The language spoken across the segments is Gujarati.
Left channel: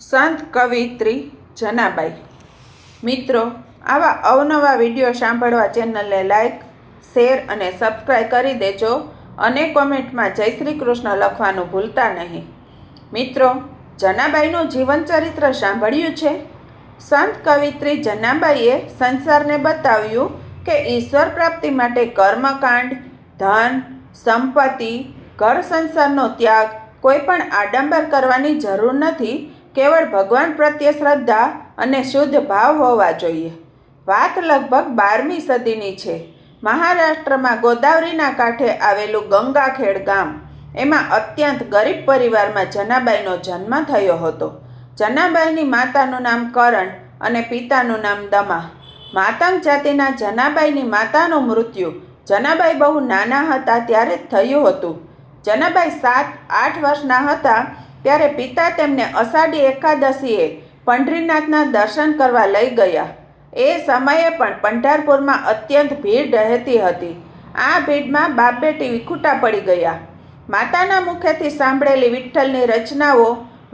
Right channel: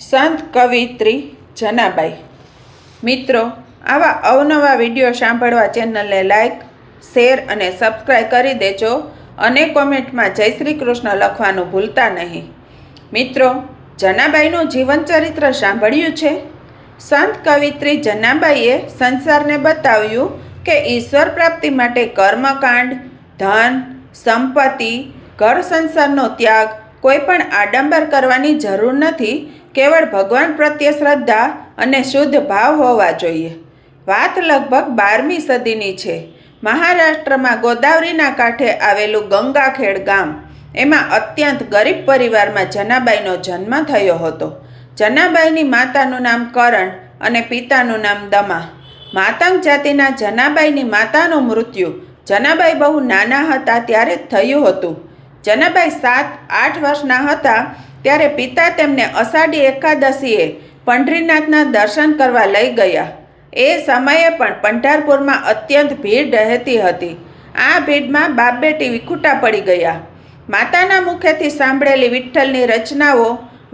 સંત કવિત્રી જનાબાઈ। મિત્રો, આવા અવનવા વિડીયો સાંભળવા ચેનલને લાઈક, શેર અને સબસ્ક્રાઈબ કરી દેજો અને કોમેન્ટમાં જય શ્રી કૃષ્ણ લખવાનું ભૂલતા નહીં। મિત્રો, જનાબાઈનું જીવનચરિત્ર સાંભળ્યું છે? સંત કવિત્રી જનાબાઈએ સંસારને બતાવ્યું કે ઈશ્વર પ્રાપ્તિ માટે કર્મકાંડ, ધન, સંપત્તિ, ઘર સંસારનો ત્યાગ, કોઈ પણ આડંબર કરવાની જરૂર નથી। કેવળ ભગવાન પ્રત્યે શ્રદ્ધા અને શુદ્ધ ભાવ હોવા જોઈએ। વાત લગભગ 12મી સદીની છે। મહારાષ્ટ્રમાં ગોદાવરીના કાંઠે આવેલું ગંગાખેડ ગામ, એમાં અત્યંત ગરીબ પરિવારમાં જનાબાઈનો જન્મ થયો હતો। જનાબાઈની માતાનું નામ કરણ અને પિતાનું નામ દમા। માતંગ જાતિના જનાબાઈની માતાનું મૃત્યુ જનાબાઈ બહુ નાના હતા ત્યારે જ થયું હતું। જનાબાઈ 7-8 વર્ષના હતા ત્યારે પિતા તેમને અષાઢી એકાદશીએ પંઢરીનાથના દર્શન કરવા લઈ ગયા। એ સમયે પણ પંઢરપુરમાં અત્યંત ભીડ રહેતી હતી। આ ભીડમાં બાપ બેટી વિખૂટા પડી ગયા। માતાના મુખેથી સાંભળેલી વિઠ્ઠલની રચનાઓ,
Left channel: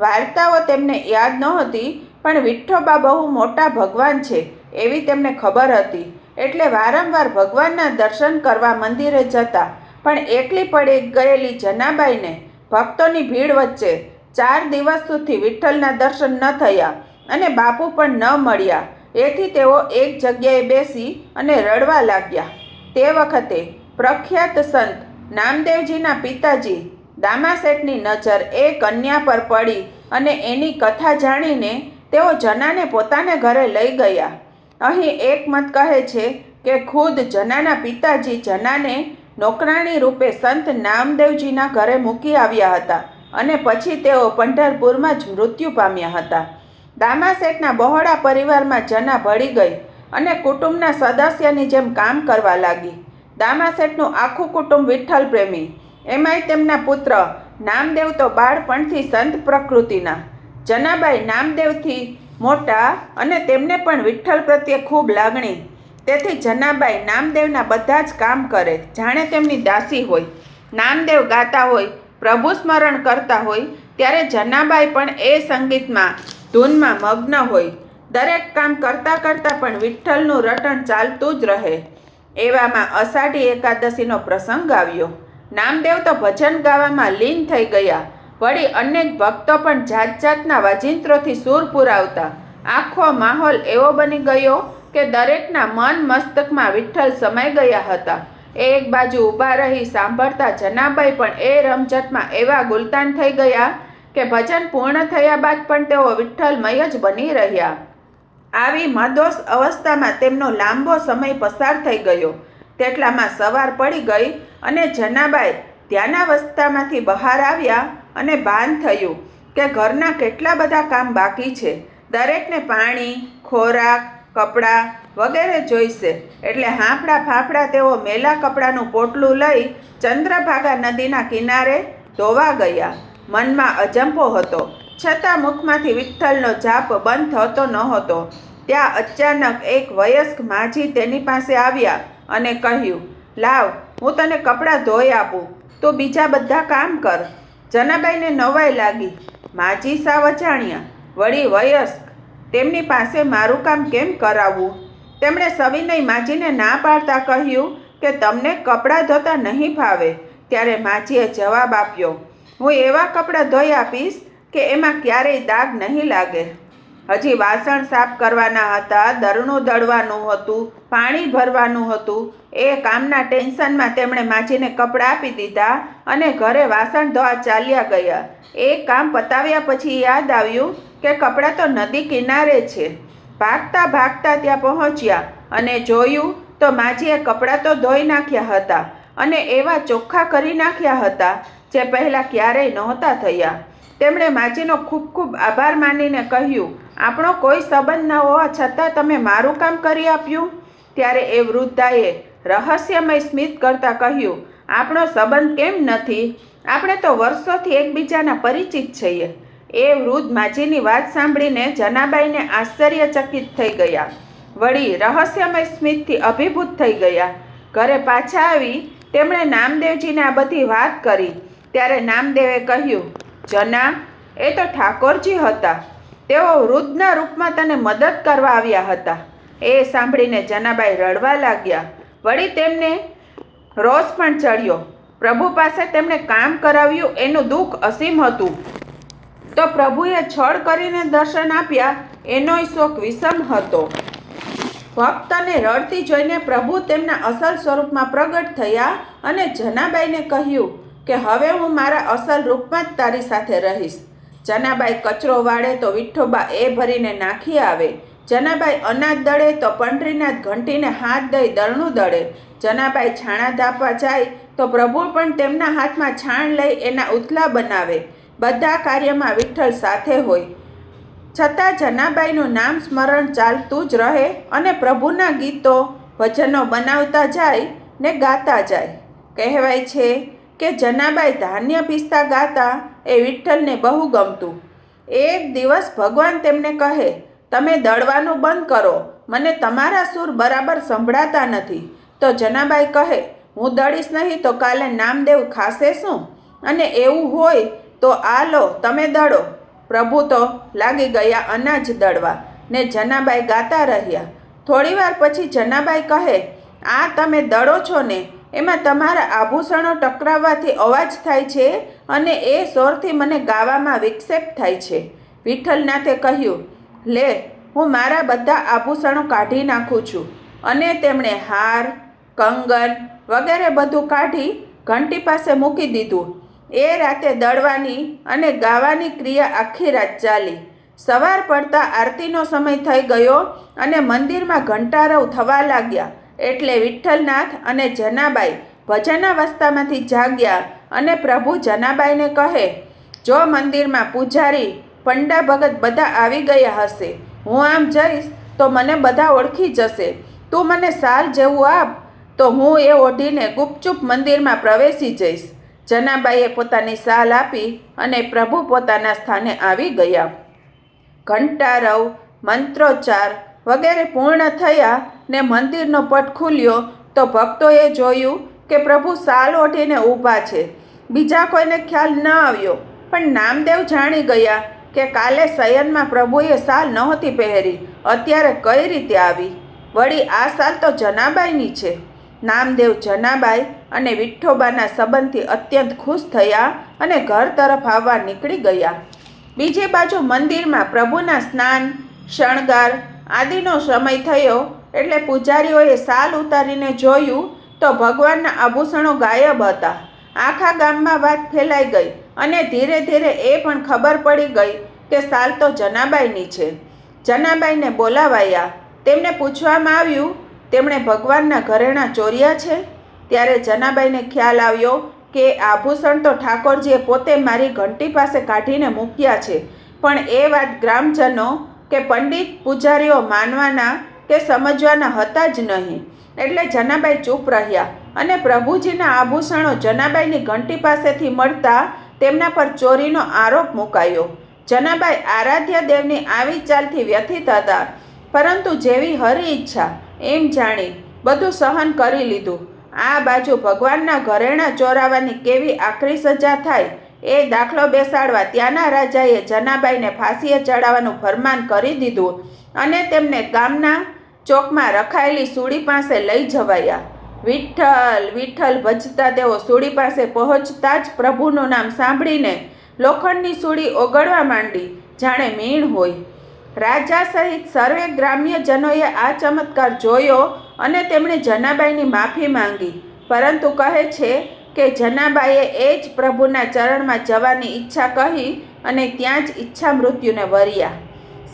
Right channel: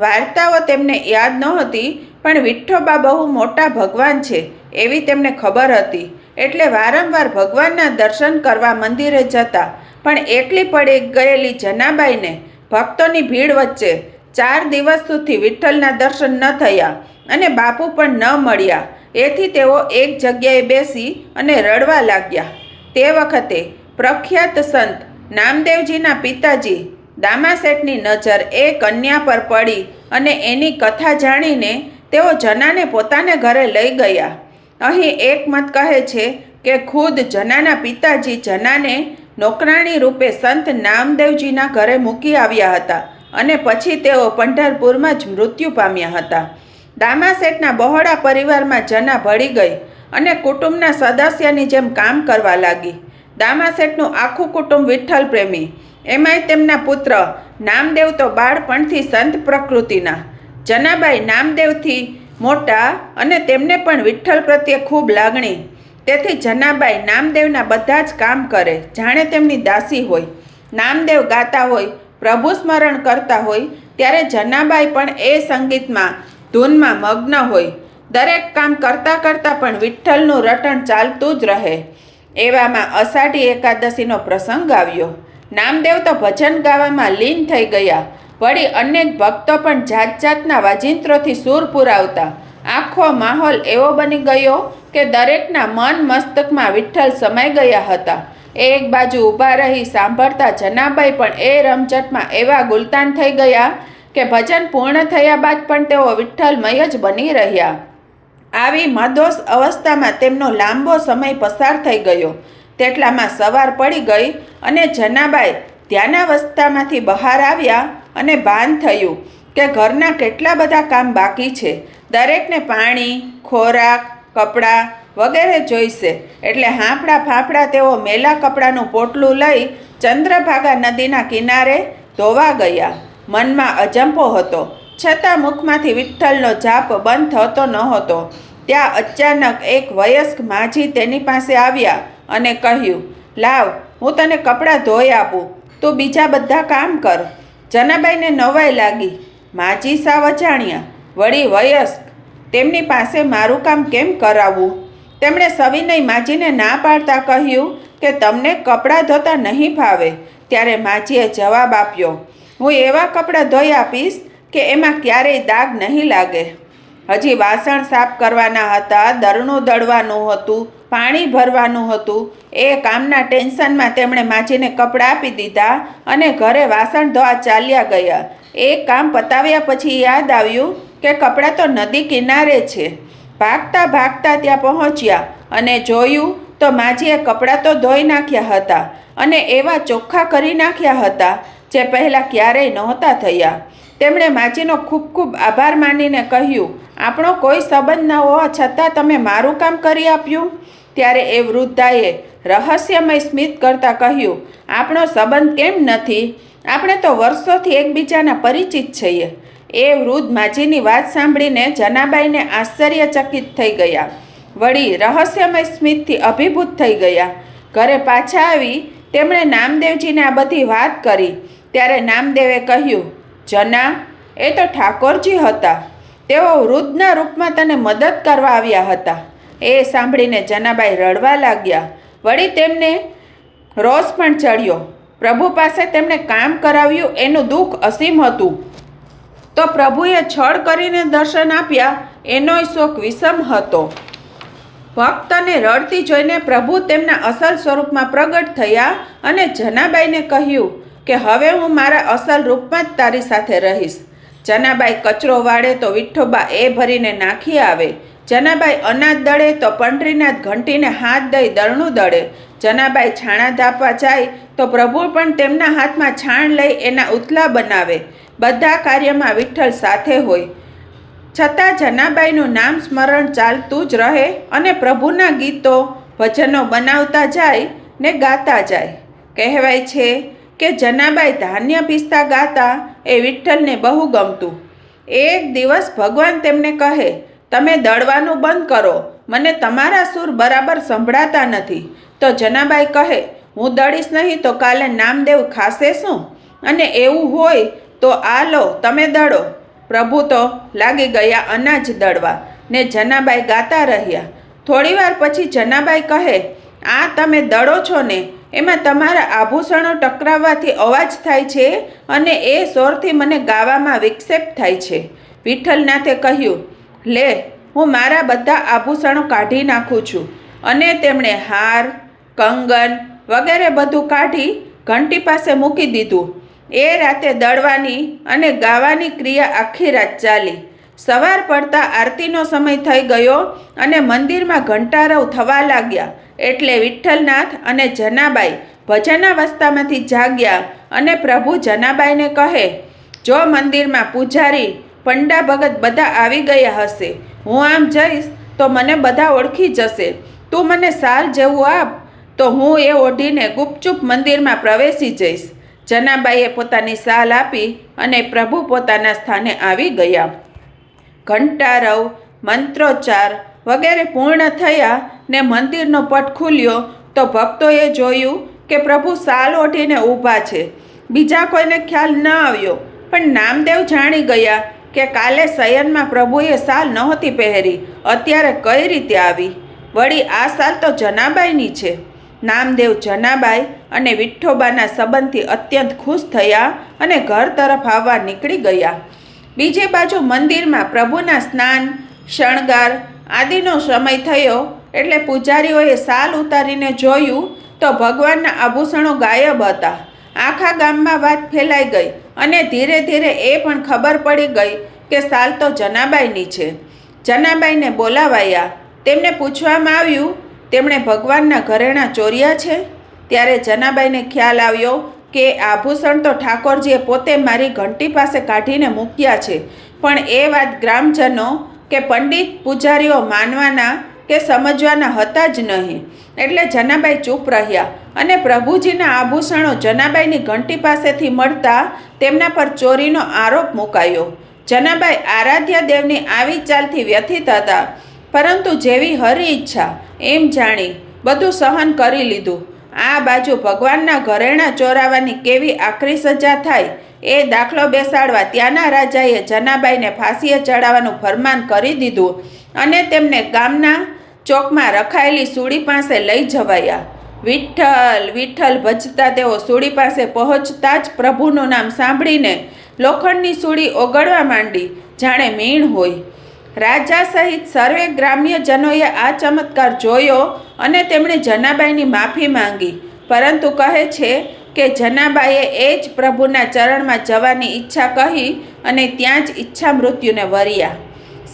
વાર્તાઓ તેમને યાદ નહોતી, પણ વિઠ્ઠોબા બહુ મોટા ભગવાન છે એવી તેમને ખબર હતી। એટલે વારંવાર ભગવાનના દર્શન કરવા મંદિરે જતા, પણ એકલી પડી ગયેલી જનાબાઈને ભક્તોની ભીડ વચ્ચે 4 દિવસ સુધી વિઠ્ઠલના દર્શન ન થયા અને બાપુ પણ ન મળ્યા। એથી તેઓ એક જગ્યાએ બેસી અને રડવા લાગ્યા। તે વખતે પ્રખ્યાત સંત નામદેવજીના પિતાજી દામાશેઠની નજર એ કન્યા પર પડી અને એની કથા જાણીને તેઓ જનાને પોતાને ઘરે લઈ ગયા। અહીં એક મત કહે છે કે ખુદ જનાના પિતાજી જનાને નોકરાણી રૂપે સંત નામદેવજીના ઘરે મૂકી આવ્યા હતા અને પછી તેઓ પંઢરપુરમાં જ મૃત્યુ પામ્યા હતા। દામાશેઠના બહોળા પરિવારમાં જના ભળી ગઈ અને કુટુંબના સદસ્યની જેમ કામ કરવા લાગી। દામાશેઠનું આખું કુટુંબ વિઠ્ઠલ પ્રેમી, એમાંય તેમના પુત્ર નામદેવ તો બાળપણથી સંત પ્રકૃતિના। જનાબાઈ નામદેવથી મોટા અને તેમને પણ વિઠ્ઠલ પ્રત્યે ખૂબ લાગણી। તેથી જનાબાઈ નામદેવના બધા જ કામ કરે જાણે તેમની દાસી હોય। નામદેવ ગાતા હોય, પ્રભુ સ્મરણ કરતા હોય ત્યારે જનાબાઈ પણ એ સંગીતમાં, ધૂનમાં મગ્ન હોય। દરેક કામ કરતાં કરતાં પણ વિઠ્ઠલનું રટણ ચાલતું જ રહે। એવામાં અષાઢી એકાદશીનો પ્રસંગ આવ્યો। નામદેવ તો ભજન ગાવામાં લીન થઈ ગયા। વળી અનેક ભક્તો પણ જાત જાતના વાજિંત્રોથી સૂર પુરાવતા। આખો માહોલ એવો બની ગયો કે દરેકના મન મસ્તકમાં વિઠ્ઠલ સમાઈ ગયા હતા। એક બાજુ ઊભા રહી સાંભળતા જનાબાઈ પણ એ રમઝટમાં એવા ગુલતાન થઈ ગયા કે ભજન પૂર્ણ થયા બાદ પણ તેઓ વિઠ્ઠલમય જ બની રહ્યા। આવી મદોષ અવસ્થામાં તેમનો લાંબો સમય પસાર થઈ ગયો। તેટલામાં સવાર પડી ગઈ અને જનાબાઈ ધ્યાનાવસ્થામાંથી બહાર આવ્યા અને ભાન થયું કે ઘરના કેટલા બધા કામ બાકી છે। દરેકને પાણી, ખોરાક, કપડાં વગેરે જોઈશે। એટલે હાંફળા ફાંફળા તેઓ મેલા કપડાનું પોટલું લઈ ચંદ્રભાગા નદીના કિનારે ધોવા ગયા। મનમાં અજંપો હતો, છતાં મુખમાંથી વિઠ્ઠલનો જાપ બંધ થતો નહોતો। ત્યાં અચાનક એક વયસ્ક માજી તેની પાસે આવ્યા અને કહ્યું, લાવ, હું તને કપડાં ધોઈ આપું, તું બીજા બધા કામ કર। જનાબાઈને નવાઈ લાગી। માજી સાવ અજાણ્યા, વળી વયસ્ક, તેમની પાસે મારું કામ કેમ કરાવવું? તેમણે સવિનય માજીને ના પાડતા કહ્યું કે તમને કપડાં ધોતા નહીં ફાવે। ત્યારે માજીએ જવાબ આપ્યો, હું એવા કપડાં ધોઈ આપીશ કે એમાં ક્યારેય દાગ નહીં લાગે। હજી વાસણ સાફ કરવાના હતા, દરણું દળવાનું હતું, પાણી ભરવાનું હતું। એ કામના ટેન્શનમાં તેમણે માજીને કપડાં આપી દીધા અને ઘરે વાસણ ધોવા ચાલ્યા ગયા। એ કામ પતાવ્યા પછી યાદ આવ્યું કે કપડાં તો નદી કિનારે છે। ભાગતા ભાગતા ત્યાં પહોંચ્યા અને જોયું તો માજીએ કપડાં તો ધોઈ નાખ્યા હતા અને એવા ચોખ્ખા કરી નાખ્યા હતા જે પહેલાં ક્યારેય નહોતા થયા। તેમણે માજીનો ખૂબ ખૂબ આભાર માનીને કહ્યું, આપણો કોઈ સંબંધ ન હોવા છતાં તમે મારું કામ કરી આપ્યું? ત્યારે એ વૃદ્ધાએ રહસ્યમય સ્મિત કરતાં કહ્યું, આપણો સંબંધ કેમ નથી? આપણે તો વર્ષોથી એકબીજાના પરિચિત છીએ। એ વૃદ્ધ માજીની વાત સાંભળીને જનાબાઈને આશ્ચર્યચકિત થઈ ગયા। વળી રહસ્યમય સ્મિતથી અભિભૂત થઈ ગયા। ઘરે પાછા આવી તેમણે નામદેવજીને આ બધી વાત કરી। ત્યારે નામદેવે કહ્યું, જના, એ તો ઠાકોરજી હતા। તેઓ વૃદ્ધના રૂપમાં તને મદદ કરવા આવ્યા હતા. એ સાંભળીને જનાબાઈ રડવા લાગ્યા. વળી તેમને રોષ પણ ચડ્યો. પ્રભુ પાસે તેમણે કામ કરાવ્યું એનું દુઃખ અસીમ હતું, તો પ્રભુએ છળ કરીને દર્શન આપ્યા એનોય શોક વિષમ હતો. ભક્તને રડતી જોઈને પ્રભુ તેમના અસલ સ્વરૂપમાં પ્રગટ થયા અને જનાબાઈને કહ્યું કે હવે હું મારા અસલ રૂપમાં જ તારી સાથે રહીશ. જનાબાઈ કચરો વાળે તો વિઠ્ઠોબા એ ભરીને નાખી આવે. જનાબાઈ અનાજ દળે તો પંડરીનાથ ઘંટીને હાથ દઈ દળનું દળે. જનાબાઈ છાણા ધાપવા જાય તો પ્રભુ પણ તેમના હાથમાં છાણ લઈ એના ઉથલા બનાવે. બધા કાર્યમાં વિઠ્ઠલ સાથે હોય. છતાં જનાબાઈનું નામ સ્મરણ ચાલતું જ રહે અને પ્રભુના ગીતો ભજનો બનાવતા જાય ને ગાતા જાય. કહેવાય છે કે જનાબાઈ ધાન્ય પીસતા ગાતા એ વિઠ્ઠલને બહુ ગમતું. એક દિવસ ભગવાન તેમને કહે, તમે દળવાનું બંધ કરો, મને તમારા સૂર બરાબર સંભળાતા નથી. તો જનાબાઈ કહે, હું દળીશ નહીં તો કાલે નામદેવ ખાશે શું? અને એવું હોય તો આ લો તમે દળો. પ્રભુ તો લાગી ગયા અનાજ દળવા ને જનાબાઈ ગાતા રહ્યા. થોડીવાર પછી જનાબાઈ કહે, આ તમે દળો છો ને એમાં તમારા આભૂષણો ટકરાવવાથી અવાજ થાય છે અને એ સ્વરથી મને ગાવામાં વિક્ષેપ થાય છે. વિઠ્ઠલનાથે કહ્યું, લે હું મારા બધા આભૂષણો કાઢી નાખું છું. અને તેમણે હાર, કંગન વગેરે બધું કાઢી ઘંટી પાસે મૂકી દીધું. એ રાતે દળવાની અને ગાવાની ક્રિયા આખી રાત ચાલી. સવાર પડતા આરતીનો સમય થઈ ગયો અને મંદિરમાં ઘંટારવ થવા લાગ્યા. એટલે વિઠ્ઠલનાથ અને જનાબાઈ ભજનાવસ્થામાંથી જાગ્યા અને પ્રભુ જનાબાઈને કહે, જો મંદિરમાં પૂજારી, પંડા ભગત બધા આવી ગયા હશે, હું આમ જઈશ તો મને બધા ઓળખી જશે. તું મને સાલ જેવું આપ તો હું એ ઓઢીને ગુપચુપ મંદિરમાં પ્રવેશી જઈશ. જનાબાઈએ પોતાની સાલ આપી અને પ્રભુ પોતાના સ્થાને આવી ગયા. ઘંટારવ, મંત્રોચ્ચાર વગેરે પૂર્ણ થયા ને મંદિરનો પટ ખુલ્યો તો ભક્તોએ જોયું કે પ્રભુ સાલ ઓઢીને ઊભા છે. બીજા કોઈને ખ્યાલ ન આવ્યો, પણ નામદેવ જાણી ગયા કે કાલે શયનમાં પ્રભુએ સાલ નહોતી પહેરી, અત્યારે કઈ રીતે આવી? વળી આ સાલ તો જનાબાઈની છે. નામદેવ જનાબાઈ અને વિઠ્ઠોબાના સંબંધથી અત્યંત ખુશ થયા અને ઘર તરફ આવવા નીકળી ગયા. બીજી બાજુ મંદિરમાં પ્રભુના સ્નાન, શણગાર આદિનો સમય થયો એટલે પૂજારીઓએ સાલ ઉતારીને જોયું તો ભગવાનના આભૂષણો ગાયબ હતા. આખા ગામમાં વાત ફેલાઈ ગઈ અને ધીરે ધીરે એ પણ ખબર પડી ગઈ કે સાલ તો જનાબાઈની છે. જનાબાઈને બોલાવાયા. તેમને પૂછવામાં આવ્યું, તેમણે ભગવાનના ઘરેણાં ચોર્યા છે? ત્યારે જનાબાઈને ખ્યાલ આવ્યો કે આભૂષણ તો ઠાકોરજીએ પોતે મારી ઘંટી પાસે કાઢીને મૂક્યા છે, પણ એ વાત ગ્રામજનો કે પંડિત પૂજારીઓ માનવાના કે સમજવાના હતા જ નહીં. એટલે જનાબાઈ ચૂપ રહ્યા અને પ્રભુજીના આભૂષણો જનાબાઈની ઘંટી પાસેથી મળતા તેમના પર ચોરીનો આરોપ મુકાયો. જનાબાઈ આરાધ્ય દેવની આવી ચાલથી વ્યથિત હતા, પરંતુ જેવી હરી ઈચ્છા એમ જાણી બધું સહન કરી લીધું. આ બાજુ ભગવાનના ઘરેણાં ચોરાવાની કેવી આકરી સજા થાય એ દાખલો બેસાડવા ત્યાંના રાજાએ જનાબાઈને ફાંસીએ ચડાવવાનું ફરમાન કરી દીધું અને તેમને ગામના ચોકમાં રખાયેલી સૂડી પાસે લઈ જવાયા. વિઠ્ઠલ વિઠ્ઠલ ભજતા તેઓ સૂડી પાસે પહોંચતા જ પ્રભુનું નામ સાંભળીને લોખંડની સૂડી ઓગળવા માંડી, જાણે મીણ હોય. રાજા સહિત સર્વે ગ્રામ્યજનોએ આ ચમત્કાર જોયો અને તેમણે જનાબાઈની માફી માંગી, પરંતુ કહે છે કે જનાબાઈએ એ જ પ્રભુના ચરણમાં જવાની ઈચ્છા કહી અને ત્યાં જ ઈચ્છા મૃત્યુને વર્યા.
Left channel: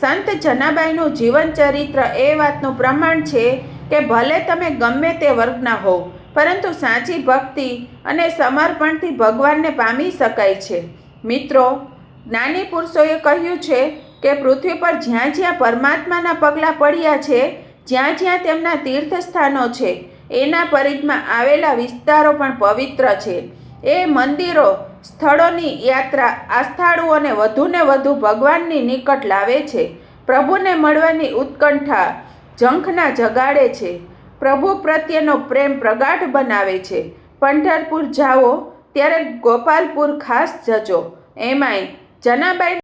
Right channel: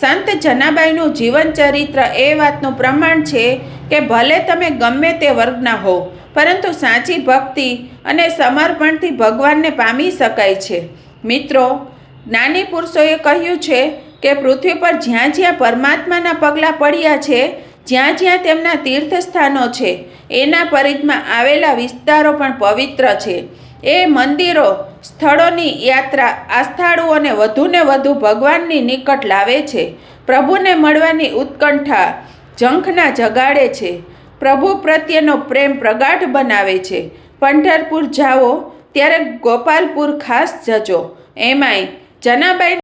સંત જનાબાઈનું જીવન ચરિત્ર એ વાતનું પ્રમાણ છે કે ભલે તમે ગમે તે વર્ગના હો, પરંતુ સાચી ભક્તિ અને સમર્પણથી ભગવાનને પામી શકાય છે. મિત્રો, જ્ઞાની પુરુષોએ કહ્યું છે કે પૃથ્વી પર જ્યાં જ્યાં પરમાત્માના પગલાં પડ્યા છે, જ્યાં જ્યાં તેમના તીર્થસ્થાનો છે, એના પરિધમાં આવેલા વિસ્તારો પણ પવિત્ર છે. એ મંદિરો, સ્થળોની યાત્રા આસ્થાળુઓને વધુને વધુ ભગવાનની નિકટ લાવે છે. પ્રભુને મળવાની ઉત્કંઠા ઝંખના જગાડે છે. પ્રભુ પ્રત્યેનો પ્રેમ પ્રગાઢ બનાવે છે. પંઢરપુર જાઓ ત્યારે ગોપાલપુર ખાસ જજો. એમાંય જનાબાઈ